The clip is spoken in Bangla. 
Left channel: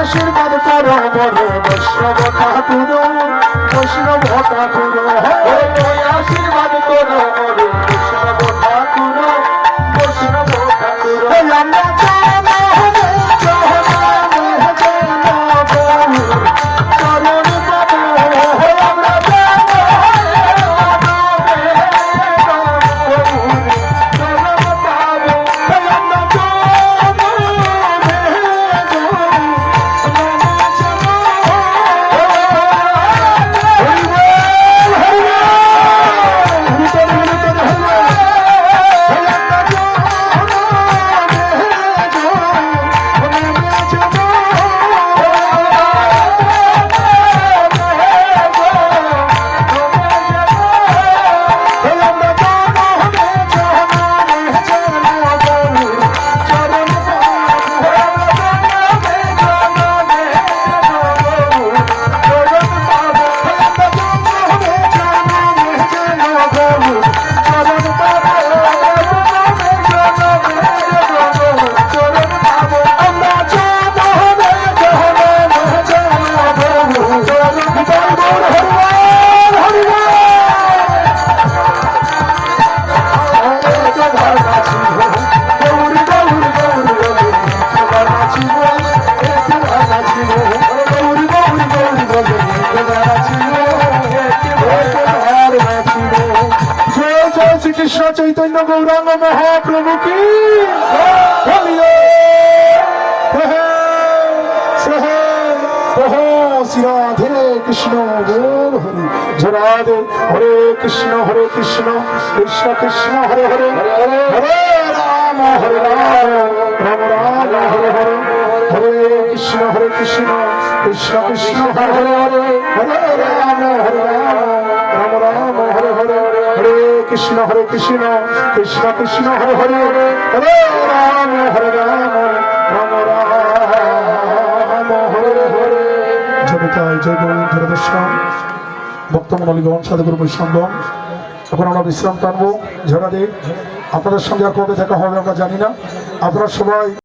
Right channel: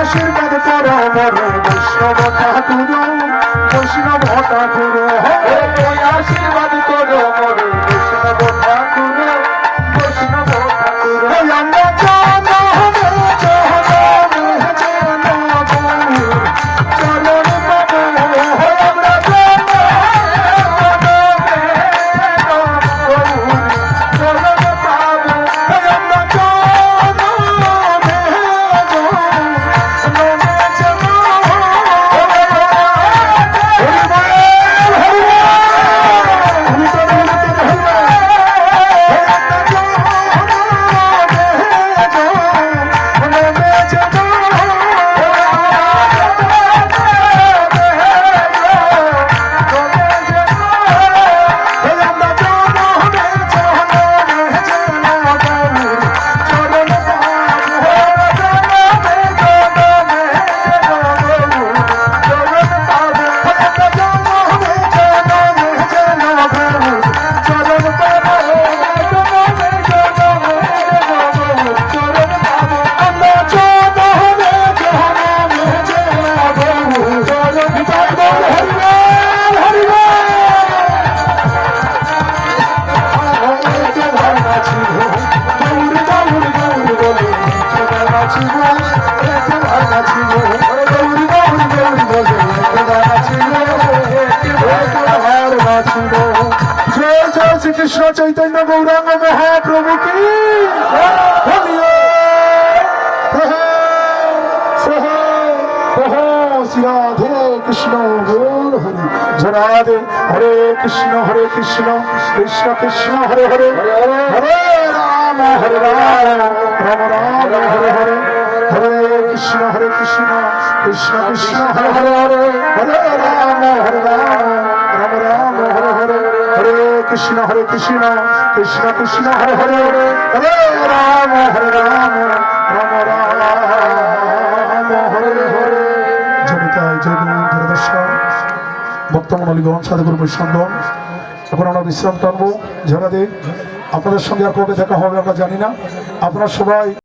আশীর্বাদ করো মরে বৈষ্ণব ঠাকুর বৈষ্ণব ঠাকুর আশীর্বাদ করো মরে বৈষ্ণব ঠাকুর বৈষ্ণব ঠাকুর শ্রীকৃষ্ণ চৈতন্য গৌরাঙ্গ মহাপ্রভু কি শ্রী রাধে কৃষ্ণ গৌর হরি রাধে হরে কৃষ্ণ কৃষ্ণ কৃষ্ণ হরে হরে হরে রাম রাম রাম হরে হরে হরে কৃষ্ণ কৃষ্ণ কৃষ্ণ হরে হরে হরে রাম রাম রাম হরে হরে হরে কৃষ্ণ কৃষ্ণ কৃষ্ণ হরে হরে হরে রাম রাম রাম হরে হরে জমিতায় জয় গৌর দর্শন ভক্তমণ্ডলীগণ সাধুগুরু বৈষ্ণবগণ এখন আমরা বিশ্রাম টানবো ঝাড়া দিয়ে আপনাদের সঙ্গে আর কবে দেখা হবে আমরা জানি না। আপনারা সবাই